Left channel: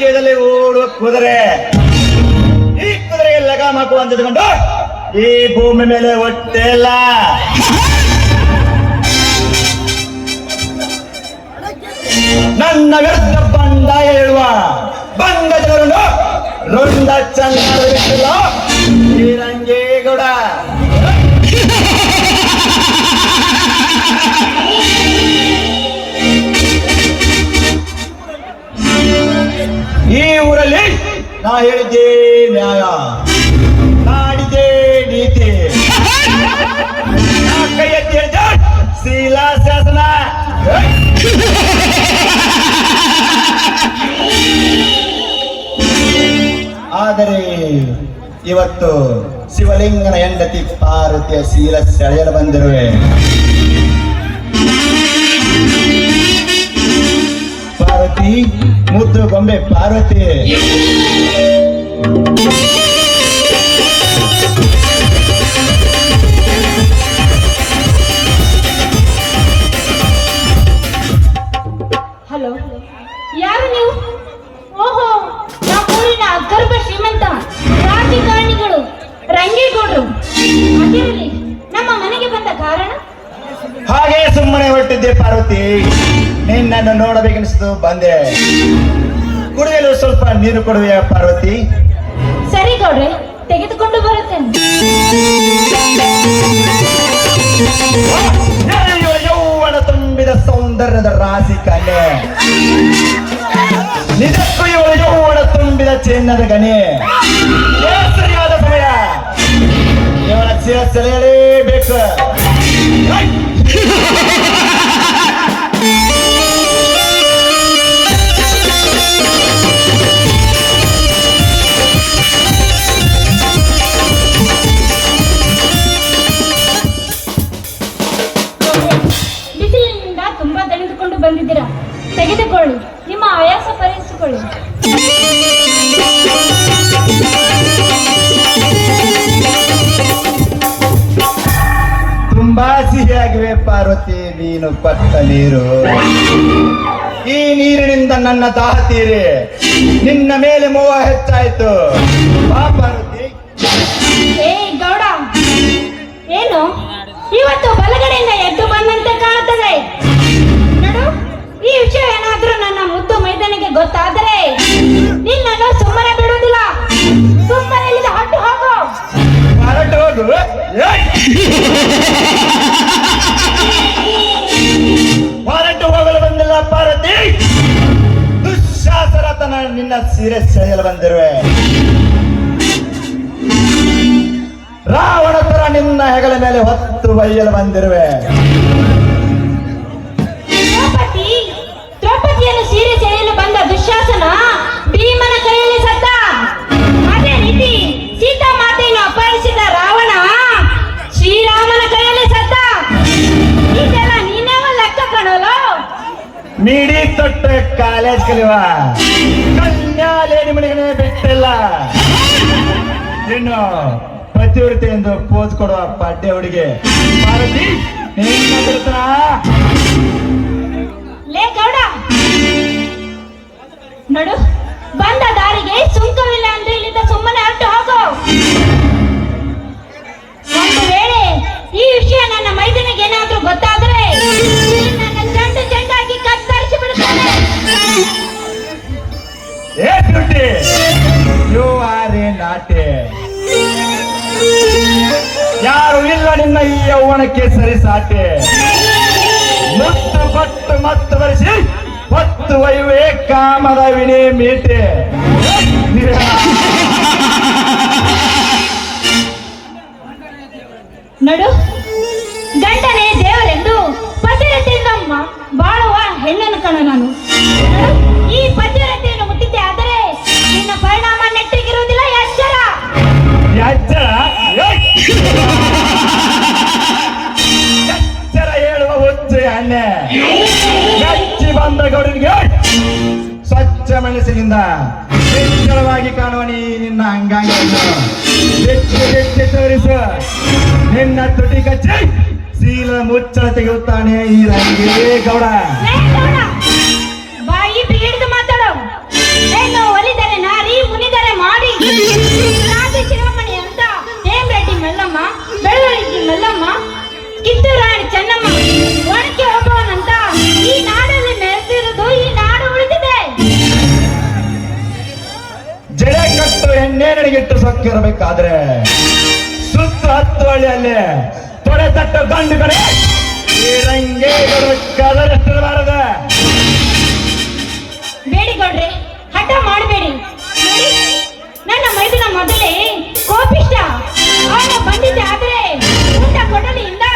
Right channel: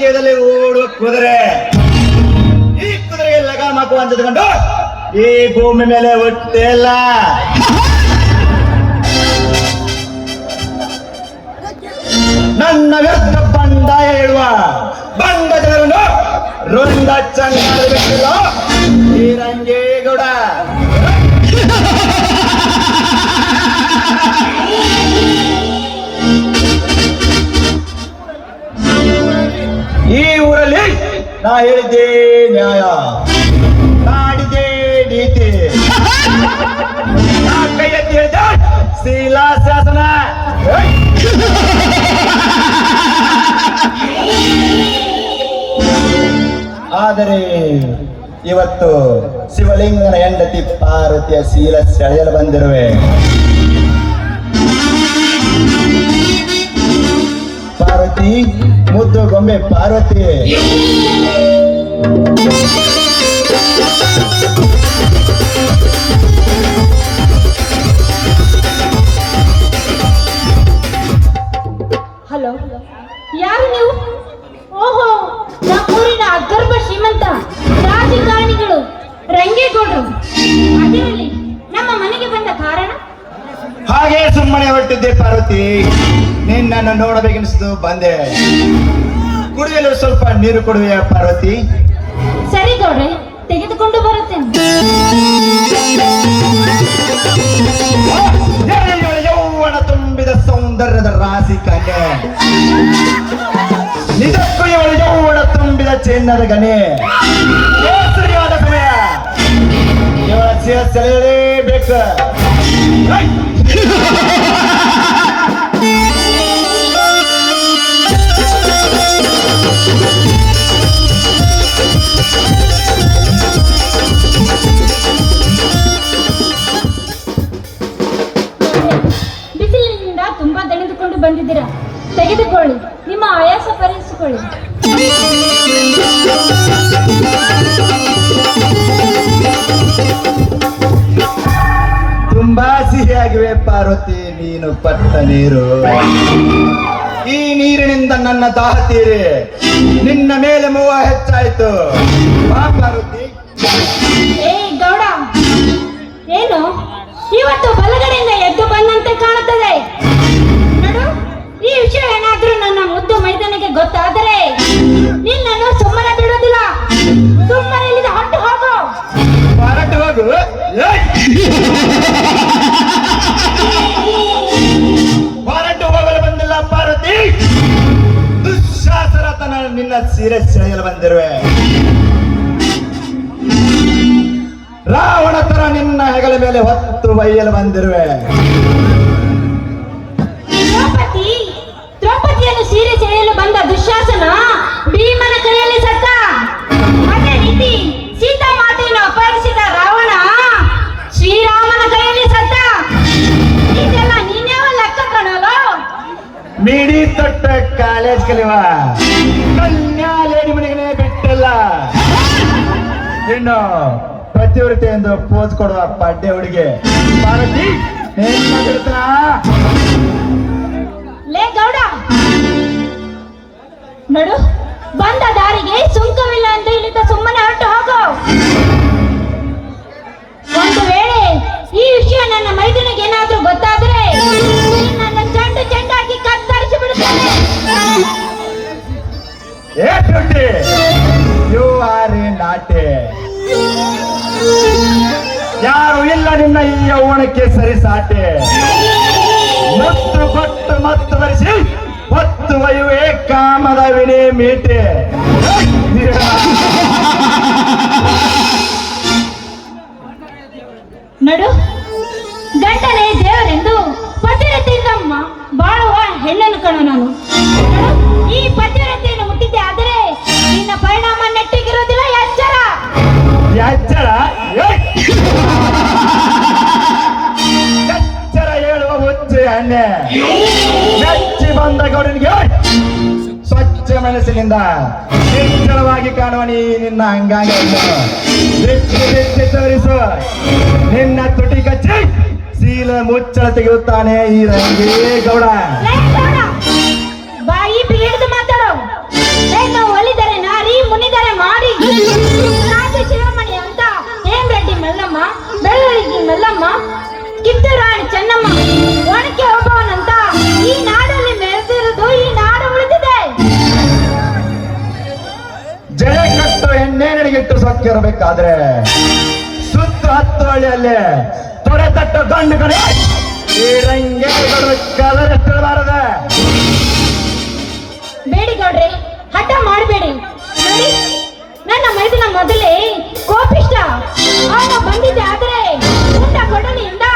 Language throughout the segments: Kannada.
ರಾಜ್ಯದಲ್ಲಿ ಓಡುವ ಕುದುರೆ. ಈ ಕುದುರೆಗೆ ಲಗಾಮ್ ಹಾಕುವ ಅಂದುಕೊಂಡು ಈ ಭೂಮಿ ಮೇಲೆ ಹುಟ್ಟೇ ಇಲ್ಲ. ನನ್ನ ವಿರುದ್ಧ ಬಂಡಾಯ ಹೇಳುವ ಬಂಡ ಜನರನ್ನು ರುಂಡ ಚಂದ ಬಿಟ್ಟಿಲ್ಲ ಶ್ರೀರಂಗೇಗೌಡ. ಈ ಊರಲ್ಲಿ ನಾ ಹೇಳಿದ್ದೆ ನ್ಯಾಯ, ನಾಡಿದ್ದೆ ನೀತಿ, ಕೈ ಎತ್ತಿ ಹೇಳಿದ ಶಿಲಾಶಾಸನ. ಆದರೆ ಇವತ್ತು ಶಿವಲಿಂಗನ ಹೆಂಡತಿ ಪಾರ್ವತಿಯ ಶೀಲ ಸೆಳೆಯಲು ಬಂದಿರುವೆ. ಪಾರ್ವತಿ, ಮುದ್ದು ಗೊಂಬೆ ಪಾರ್ವತಿ, ಹಲೋ, ಯಾರು ನೀವು? ಓಹೋ, ನಮ್ಮೂರಿನ ಅಗರ್ಭ ಶ್ರೀಮಂತ ರಾಜಕಾರಣಿಗಳು ರಂಗೇಗೌಡರು. ಅದಿರಲಿ, ನಮ್ಮ ಮನೆಗೆ ಬಂದ ಕಾರಣ? ಹಾಗೆ ಸುಮ್ಮನೆ ಹೊರಟಿದ್ದೆ ಪಾರ್ವತಿ, ನಿನ್ನನ್ನು ನೋಡಬೇಕೆನಿಸಿತು ಬಂದೆ. ಕುಡಿಯಲು ಸ್ವಲ್ಪ ನೀರು ಕೊಡುವೆಯಾ ಪಾರ್ವತಿ? ಸರಿ ಗೌಡ್ರೆ, ತೆಗೆದುಕೊಂಡು ಬರುತ್ತೇನೆ. ಯೌವನ ತುಂಬಿದ ಸೌಂದರ್ಯದ ರಾಶಿ ಕಲೆ, ನಿಜಕ್ಕೂ ಇವಳ ಯೌವನ ತುಂಬಿದ ಚಿನ್ನದ ಗಣಿ. ಸರಿಯಾದ ಸಮಯ, ಇವಳ ಸೆಳೆಯಲೇಬೇಕು. ಬಿಸಿಲಿನಿಂದ ತುಂಬಾ ದಣಿದುಕೊಂಡು ಬಂದಿದ್ದೀರಾ, ತೆಗೆದುಕೊಳ್ಳಿ, ನಿಮ್ಮ ಆಯಾಸ ಪರಿಹರಿಸಿಕೊಳ್ಳಿ. ತುಂಬಾ ಸಿಹಿಯಾಗಿವೆ ಪಾರ್ವತಿ ನೀನು ಪಟ್ಟ ನೀರು. ಈ ನೀರಿನಿಂದ ನನ್ನ ದಾಹ ತೀರಿ ನಿನ್ನ ಮೇಲೆ ಮೋಹ ಹೆಚ್ಚಾಯ್ತು. ಬಾ ಪಾರ್ವತಿ. ಏ ಗೌಡ, ಏನು ಇವತ್ತು ಬಲಗಡೆಯಿಂದ ಎದ್ದು ಬಂದಂತೆ ಕಾಣುತ್ತದೆ? ನಡು, ಈ ವಿಷಯ ಏನಾದ್ರೂ ನನ್ನ ಮುದ್ದು ಮೈದಾನಿಗೆ ಗೊತ್ತಾದರೆ ನಿನ್ನನ್ನು ಸುಮ್ಮನೆ ಬಿಡುವುದಿಲ್ಲ. ಸುಮ್ಮನೆ ಇಲ್ಲಿಂದ ಹೊಟ್ಟು ಹೋಗು. ಹೊರಟು ಹೋಗು. ಹೊರಟು ಹೋಗಲು ಬಂದಿಲ್ಲ ಪಾರ್ವತಿ, ದುಶ್ಯಾಸನತನ ನಿನ್ನ ಸೀರೆ ಸೆಳೆಯಲು ಬಂದಿರುವೆ. ರಾವಣ ತರ ನಿನ್ನ ಹೆಗಲ ಮೇಲೆ ಹೊತ್ತು ಒಯ್ಯಲು ಬಂದಿರುವೆ. ದ್ರೌಪದಿಯನ್ನು ಸೀರೆ ಸೆಳೆಯಲು ಬಂದ ದುಶ್ಯಾಸನ ಭೀಮನ ಕೈಯಲ್ಲಿ ಸತ್ತ. ಅದೇ ರೀತಿ ಸೀತಾ ಮಾತೆಯನ್ನು ಅಪಹರಿಸಿದ ರಾವಣ ಶ್ರೀರಾಮನ ಕೈಯಲ್ಲಿ ಸತ್ತ. ಇದೆಲ್ಲ ನೀನೇ ಲೆಕ್ಕ ಕಣಲು. ಮೀಡಿ ತೊಟ್ಟ ಕಾಲೇಜ್ ಕಲಿಯುವ ಕನ್ಯಾಲೇಡಿ ಮನೆಗಳೇ ಬಿಟ್ಟಿಲ್ಲ. ಇನ್ನು ಪ್ರತಿವೃತ್ತಿ ಎಂದು ಪೋಸ್ ಕೊಡುವ ಪಾಡ್ಯ ಹುಡುಗಿ ಪಾರ್ವತಿ ಲೇ ಗೌಡ, ನಡು, ಬಂದ ದಾರಿಗೆ ಸುಂಕವಿಲ್ಲ ಎಂದು ಇಲ್ಲಿಂದ ಸುಮ್ಮನೆ ಹೊರಟು ಹೋಗು. ಒಂದು ವೇಳೆ ಈ ವಿಷಯ ನನ್ನ ಮೈದನಿಗೆ ಏನಾದ್ರೂ ಗೊತ್ತಾದರೆ ನನ್ನ ಚೆಂಡು ಚೆಂಡಾಗಿ ಕತ್ತರಿಸಿ ಬಿಡುತ್ತೇನೆ. You are a naughty. ಯಾರು ಇಲ್ಲ ನಿನ್ನ ಈ ಯೌವನಕ್ಕೆ ಸರಿ ಸಾಟೆ. ಮತ್ತು ಪಟ್ಟು ಮತ್ತು ಬರೆಸಿ ಹೊತ್ತು ಒಯ್ಯುವೆ ಕಾಮದ ವಿನಿ ಮೀಟೆ. ನಡು, ಗಂಡನೇ ದೇವರೆಂದು ಪತಿರತೆಯಿಂದ ಬಾಳುವ ಹೆಣ್ಣನ್ನು ಕಣ ನಾನು. ನಡು, ಈ ಪತಿರತೆಯನ್ನು ಮುಟ್ಟಿದ್ದೆ ಆದರೆ ನಿನ್ನ ಪರಿಣಾಮ ನೆಟ್ಟಿಗಿರುವುದಿಲ್ಲ. ಎಚ್ಚರ. ಎಚ್ಚರ ಹೇಳುವ ಹುಚ್ಚೆ ಹಣ್ಣೆ. ಹೆಚ್ಚಿ ಬಂದ ಗೌಡನಿಗೆ ಸ್ವಚ್ಛ ಮನಸ್ಸಿನಿಂದ ನಿಶ್ಚಲವಾಗಿ ಕಾಣುವ ನಿನ್ನ ಅಂಗಾಂಗ ಬಿಚ್ಚಿ ತೋರಿಸುವ ನಿನ್ನ ತುಟಿ ಕಚ್ಚಿ ಶೀಲ ಮುಚ್ಚಳ ತೆಗೆಯುತ್ತಾನೆ ಈ ರಂಗೇಗೌಡ. ಬಾಯಿ ಹಿಡಿದು ಮಾತಾಡೋ. ಬದುಕಿರಬೇಕಾದ್ರೆ ಸುತ್ತ ಹತ್ತು ಹಳ್ಳಿಯಲ್ಲಿ ತೊಡೆ ತಟ್ಟು ಗಂಡುಗಳೇ ಈ ರಂಗೇಗೌಡರ ಕದರಷ್ಟಿರಬಾರದ. ಬೇಡಿ ಗೌಡ್ರೆ, ಹಠ ಮಾಡಬೇಡಿ. ನೋಡಿ, ನನ್ನ ಮೈದನ ಮೊದಲೇ ಕೋಪಿಷ್ಟ. ಅವನು ಬಂದಿದ್ದೆ ಆದ್ರೆ ಊಟ ಕೊಡಲಿಯಿಂದ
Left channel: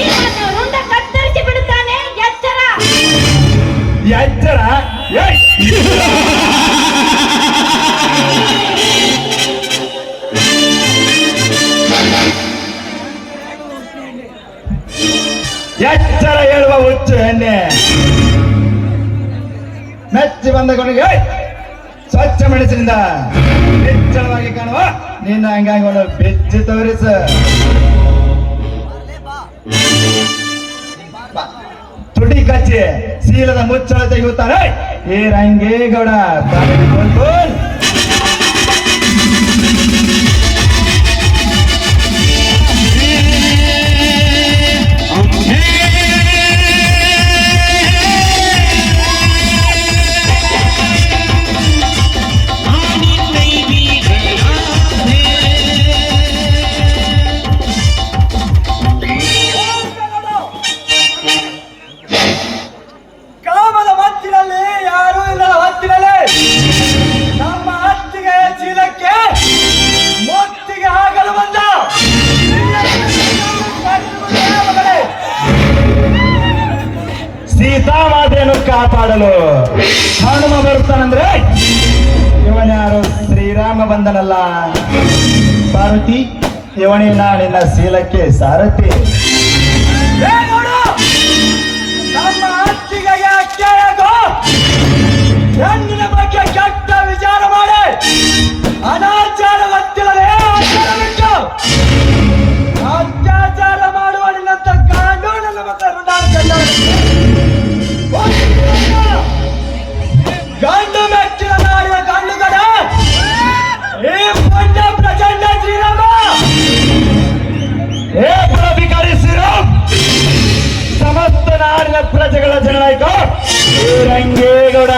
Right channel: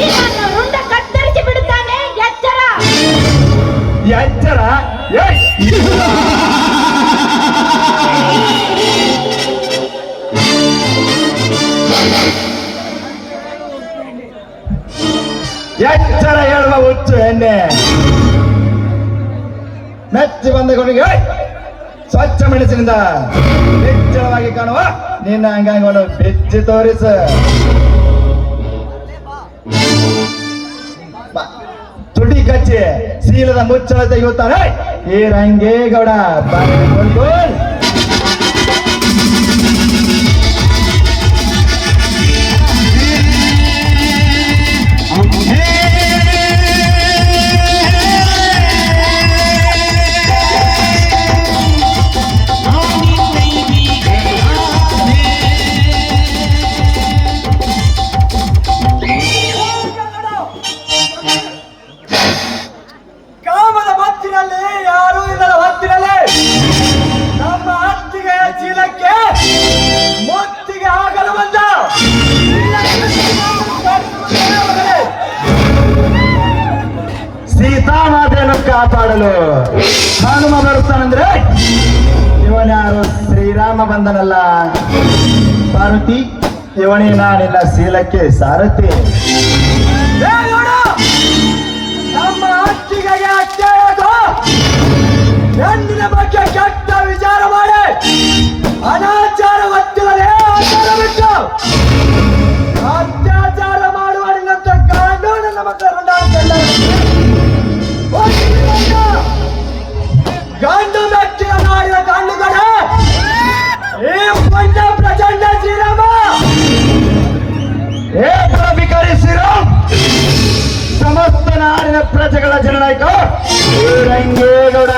ನಿಮ್ಮನ್ನ ರುಂಡ ಕತ್ತರಿಸಿ ಬಿಡುತ್ತಾನೆ. ಎಚ್ಚರ! ಎಚ್ಚರ? ಎಚ್ಚರ ಹೇಳುವ ಹುಚ್ಚು ಹೆಣ್ಣೆ. ಮೆಚ್ಚಿ ಬಂದ ಕೊನೆಗೆ ಸ್ವಚ್ಛ ಮೆಣಸಿನಿಂದ ನಿಚ್ಚಳವಾಗಿ ಕಾಣುವ ನಿನ್ನ ಅಂಗಾಂಗವನ್ನು ಬೆಚ್ಚಿ ತೋರಿಸ. ತುಟಿ ಕಚ್ಚಿ ಶೀಲದ ಮುಚ್ಚಳ ತೆಗೆಯುತ್ತಾನೆ ಈ ರಂಗೇಗೌಡ. ಕಾಮದ ಮತ್ತಿನಲ್ಲಿ ಯಾರೂ ಇಲ್ಲದ ಹೊತ್ತಿನಲ್ಲಿ ನಮ್ಮ ಹತ್ತಿಗೆ ಚೀಲಕ್ಕೆ ಮೊತ್ತಿಗೆ ಆಗಲು ಬಂದ ಸೀತಾಮಾತೆಯನ್ನು ಕಾಪಾಡಲು ಹನುಮ ಬರುತ್ತಾನಂದ್ರೆ ಇವನ್ಯಾರು ಶ್ರೀರಾಮ ಬಂದನಲ್ಲ. ಪಾರ್ವತಿ, ಇವನೇ ನಾನಿನ್ನ ಶೀಲಕ್ಕೆ ಸಾರಥಿ. ನಮ್ಮ ಹತ್ತಿಗೆ ಕೇಳೋದು ಹೆಣ್ಣಿನ ಬಗ್ಗೆ ಕೆಟ್ಟ ವಿಚಾರ ಮಾಡಿ ಅನಾಚಾರ ಗೊತ್ತಿಲ್ಲದೆ ಬಿಟ್ಟು ಅತ್ಯಾಚಾರ ಮಾಡುವ ನಿನ್ನಂತ ಕಾನೂನು ನಮ್ಮ ಗಂಡು ಮೆಚ್ಚಿನ ಮಾಡಿದ ಕಣ್ಣುಗಳ ಈ ಪುಣ್ಯ ಪ್ರಚಂಡ ಶ್ರೀರಾಮ. ಏ ಭಿಕಾರಿ ಶ್ರೀರಾಮ್, ಸಮಸ್ತ ನಾಡಿನ ಪ್ರಜೆಗಳ ಜನನಾಯಕ ಈ ರಂಗೇಗೌಡ.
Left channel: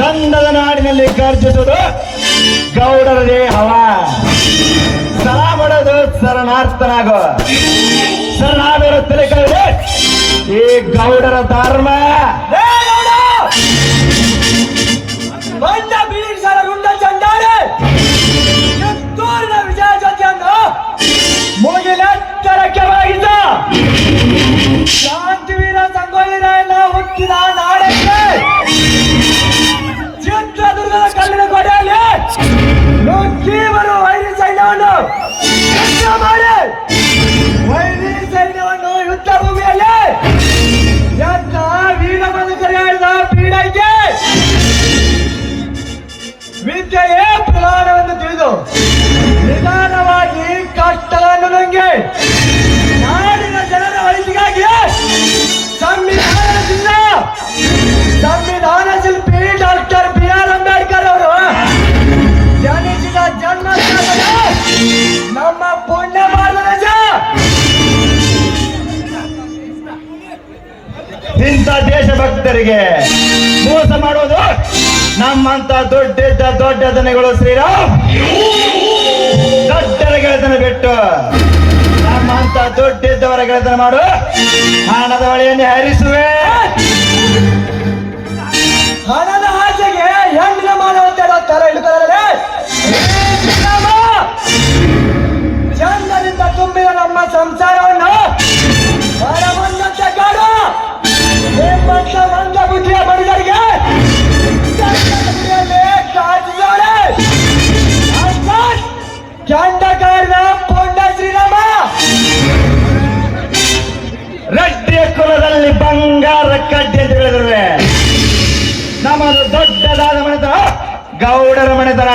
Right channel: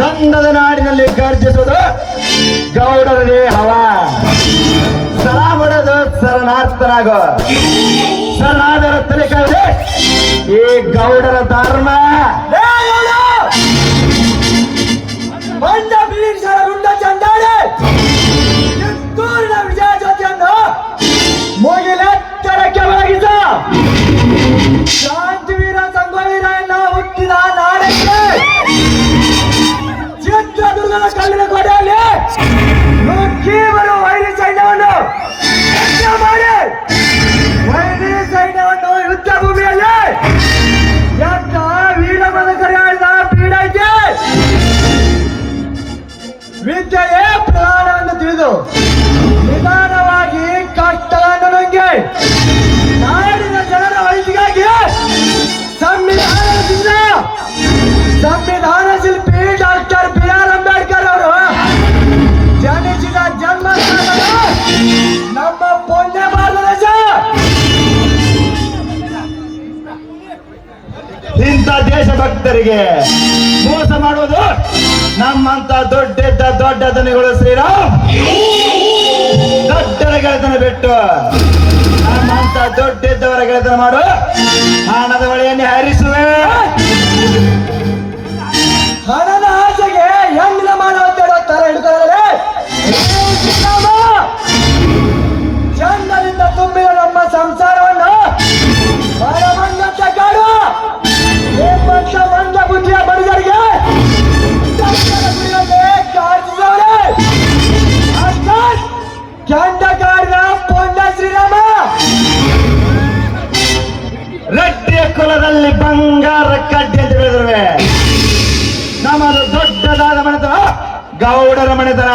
ಗಂಧದ ನಾಡಿನಲ್ಲಿ ಗರ್ಜಿಸುವುದು ಗೌಡರದೇ ಹವ. ಸರ ಹೊಡೆದು ಶರಣಾರ್ಥನಾಗೋ. ಶರಣಾದರ ತಲೆ ಕಳೆದೆ ಈ ಗೌಡರ ಧರ್ಮ. ಬಂದ ಬೀಳಿಸರ ರುಂಡ ಚಂಡಾಡಿ ಕಿತ್ತೂರಿನ ವಿಜಯ ಜ್ಯೋತಿಯನ್ನು ಮುಗಿಲೆತ್ತರಕ್ಕೆ ಒಳಗಿದ ಶಾಂತಿವೀರ ಸಂಗೊಳ್ಳಿರಾಯಣ್ಣ ಹುಟ್ಟಿದ ನಾಡಕ್ಕೆ ಚಿತ್ರದುರ್ಗದ ಕಲ್ಲಿನ ಗೋಡೆಯಲ್ಲಿ ನುಗ್ಗಿ ಬರುವ ವೈರಿ ಸೈನ್ಯವನ್ನು ಯುದ್ಧ ಮಾಡಿ ವೈರಿ ಸೈನ್ಯವನ್ನು ಯುದ್ಧ ಭೂಮಿಯಲ್ಲಿ ಎಂತ ವೀರ ಬದುಕರಿಯಾಡಿದ ಪೀಡಕ್ಕೆ ವಿದ್ಯೆಯೇ ಪ್ರಾಣವನ್ನು ತಿಳಿದು ನಿಧಾನವಾಗಿ ಕಷ್ಟವನ್ನು ನುಂಗಿ ನಾಡಿನ ಜನರ ಒಳಿತಿಗಾಗಿ ಸಂವಿಧಾನ ಶಿಲ್ಪಿ ಡಾಕ್ಟರ್ ಬಿ.ಆರ್. ಅಂಬೇಡ್ಕರ್ ಅವರು ಜನಿಸಿದ ಜನ್ಮ ನಮ್ಮ ಪುಣ್ಯ ಭಾರತ ದೇಶ. ಇಂಥ ದೇಶಭಕ್ತರಿಗೆ ಮೋಸ ಮಾಡುವುದು ನಮ್ಮಂತ ದೊಡ್ಡ ದನಗಳು ಶ್ರೀರಾಮ್. ದೊಡ್ಡರ ಗೆಳೆತನ ಬಿಟ್ಟು ನಮ್ಮಂತ ದೊಡ್ಡವರ ಗೆಳೆತನ ಮಾಡು. ಹಣದ ಹೊಳೆಯನ್ನೇ ಹರಿಸುವೆ. ಹಣದ ಆಸೆಗೆ ಹೆಣ್ಣಿನ ಮಾಡುವಂತೆ ಡಾಕ್ಟರ್ ಹಿಡಿಕೊಳ್ಳಲೇ ಚಂದದಿಂದ ತುಂಬಿದ ನಮ್ಮ ಸಂಸಾರವನ್ನು ಹೊರಮಣ್ಣಕ್ಕೆ ಕಾಡು. ನಿಮ್ಮಂತ ಒಂದ ಬುದ್ಧಿಯ ಬಡಿದರಿಗೆ ಚಂಡಗಾಡಿನ ಪೊಂಡ ಶ್ರೀರಾಮ. ರಟ್ಟಿಯ ಕುಲದಲ್ಲಿ ಬಂಗಾರ ಕಡ್ಡಿ ಅಂತ ಹೇಳಿದ್ರೆ ನಮ್ಮದು ದೊಡ್ಡದಾದ ಮನೆತನ ಗೌಡರ ಮನೆತನ.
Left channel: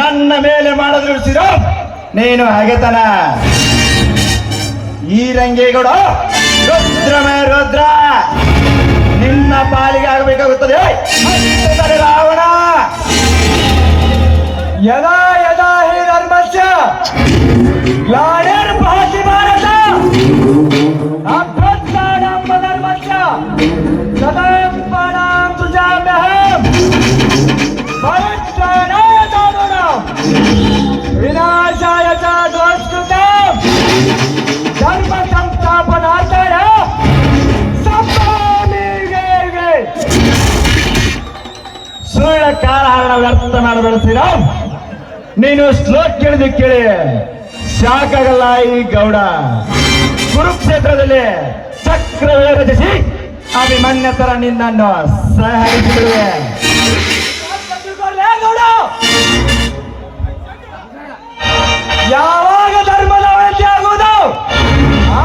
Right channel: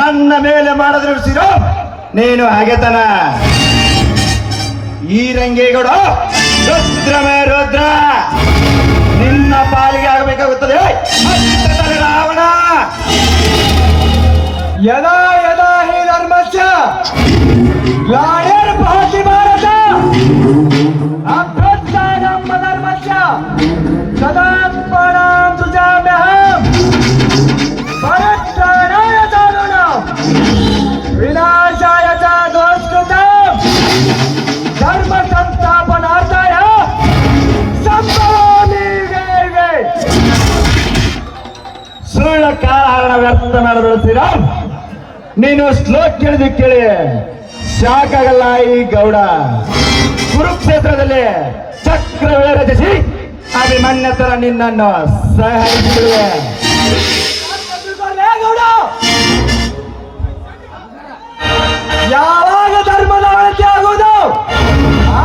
ನನ್ನ ಮೇಲೆ ಮಾಡಿದ್ರು ಶ್ರೀರಾಮ್ ನೀನು ಹಾಗೆತನ. ಈ ರಂಗೇಗೌಡ ರುದ್ರಮೇ ರುದ್ರ, ನಿನ್ನ ಪಾಲಿಗೆ ಆಗಬೇಕಾಗುತ್ತದೆ ರಾವಣ. ಯದಾ ಯದಾ ಹಿ ಧರ್ಮಸ್ಯ ಗ್ಲಾನಿರ್ಭವತಿ ಭಾರತ ಅಭ್ಯುತ್ಥಾನಂ ಧರ್ಮಸ್ಯ ಸದಾತ್ಮಾನಂ ಸೃಜಾಮ್ಯಹಂ ಪರಿತ್ರಾಣಾಯ ನೋಡು ಶ್ರೀರಾಮ್, ನೀನು ಶ್ಲೋಕ್ ಕೇಳಿದ್ವಿ ಕೇಳಿ ಸಾಕಾಗಲ್ಲ. ಈ ಗೌಡ ಕುರುಕ್ಷೇತ್ರದಲ್ಲಿ ಚಕ್ರವೇ ರಚಿಸಿ ಅಭಿಮನ್ಯ ತರ ನಿನ್ನನ್ನು ಸಹಾಯಿಸಿದೆ. ಯಾವಾಗ ಧರ್ಮದ ಅವನತಿ ಆಗುವುದು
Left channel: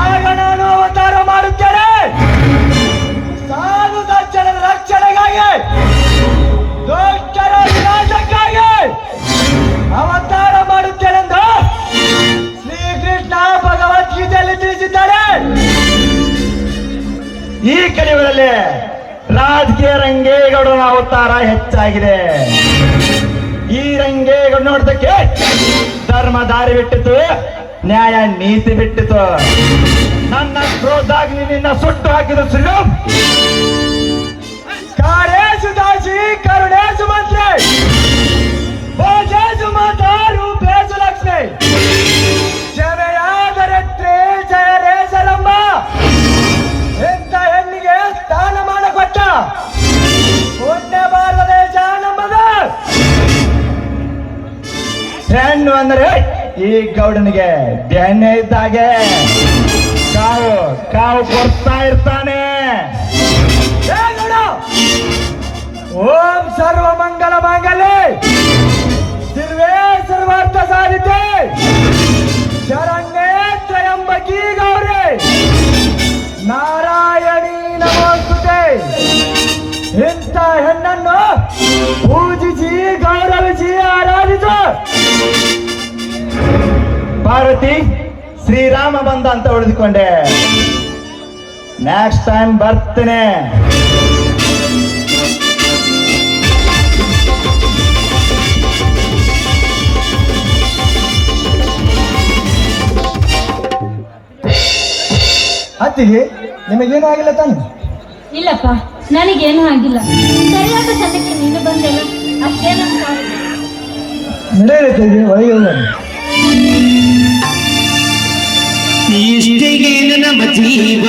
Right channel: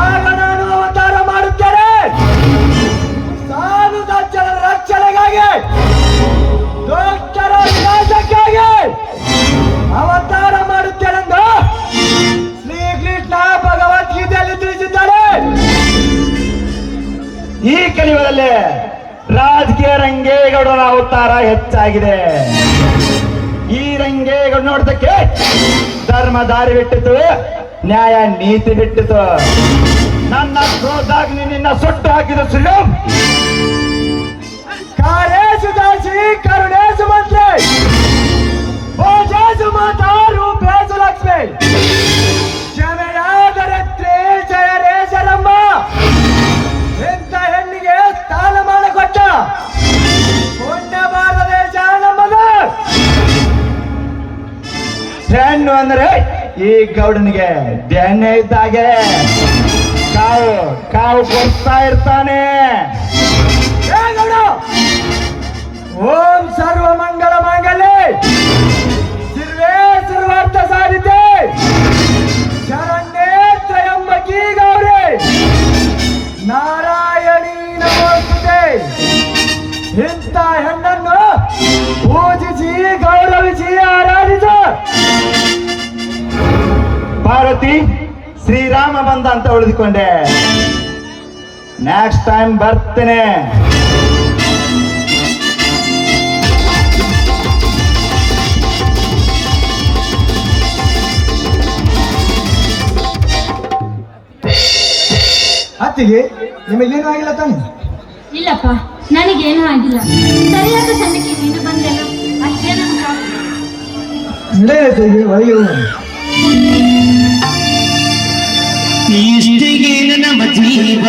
ಆಗ ನಾನು ಅವತಾರ ಮಾಡುತ್ತೇನೆ. ಸಾಧು ಸಜ್ಜನರ ರಕ್ಷಣೆಗಾಗಿ, ದುಷ್ಟರ ವಿನಾಶಕ್ಕಾಗಿ ಅವತಾರ ಮಾಡುತ್ತೇನೆಂದ ಶ್ರೀಕೃಷ್ಣ ಭಗವದ್ಗೀತೆಯಲ್ಲಿ ತಿಳಿಸಿದ್ದಾರೆ. ಈ ಕಲಿಯುಗದಲ್ಲಿ ರಾಜಕೀಯ ರಂಗೇಗೌಡರ ಅವತಾರ ಹೆಚ್ಚಾಗಿದೆ. ಈ ರಂಗೇಗೌಡ ನೋಡ್ದಕ್ಕೆ ಧರ್ಮ ದಾರಿ ಬಿಟ್ಟಿತು, ನ್ಯಾಯ ನೀತಿ ಬಿಟ್ಟಿತು. ನನ್ನ ಕ್ರೋಧಾಗಿ ನಿನ್ನ ಸುಟ್ಟು ಹಾಕಿದ ಶ್ರೀರಾಮ್. ಕಾರೇಶು ದಾಸಿ ಕರುಣೇಶು ಮಂತ್ರಿ, ಭೋಜೇಶು ಮಾತಾ ರೂಪೇಶು ಲಕ್ಷ್ಮಿ, ಕ್ಷಮೆಯಾದರಿತ್ರಿ ಜಯರೇಶರಮ್ಮ. ಎಂತ ಹೆಣ್ಣಿಗೆ ಸ್ಥಾನಮಾನ ಕೊಟ್ಟ ಪುಣ್ಯ ಭಾರತ ದೇಶ ನಮ್ಮದು. ಹೆಣ್ಣು ಅಂದ್ರೆ ಈ ಗೌಡನಿಗೆ ಬೆಣ್ಣೆ ಇದ್ದಾಗೆ ಕಾವು ಕಾವು ಕೊಡ್ತಾ ಇರ್ತಾನೆ. ಏ ಗೌಡ, ಓಂ ಸರ್ವ ಮಂಗಲ ಮಾಂಗಲ್ಯೆ ಶಿರ್ವೇ ಸರ್ವಾರ್ಥ ಸಾಧಿತೆ ಶರಣ್ಯೇ ತ್ರಯಂಬಕಿ ಗೌರಿ ನಾರಾಯಣಿ ನಮೋಸ್ತುತೆ. ಇಂಥ ಹೆಣ್ಣನ್ನು ಪೂಜಿಸಿ ಗೌರವಿಸಿ ಆರಾಧಿಸ. ಪಾರ್ವತಿ, ಶ್ರೀರಾಮ ಬಂದ ಅಂತ ಉಳಿದುಕೊಂಡೆ. ನೆಕ್ಸ್ಟ್ ಟೈಮ್ ಬರ್ತೇನೆ. ಅತ್ತಿಗೆ ನಿಮಗೇನು ಆಗಿಲ್ಲ ತಾನೆ? ಇಲ್ಲಪ್ಪ, ನನಗೇನು ಆಗಿಲ್ಲ. ಸರಿಯಾದ ಸಮಯಕ್ಕೆ ನೀನು ಬಂದೆಲ್ಲ, ಅಷ್ಟೇ ನನ್ನ ಕಾರಣ. ನಡೆಯುತ್ತೆ ಒಯ್ಯುವ ಇಷ್ಟಿಗೆ ನನ್ನ ಜೀವ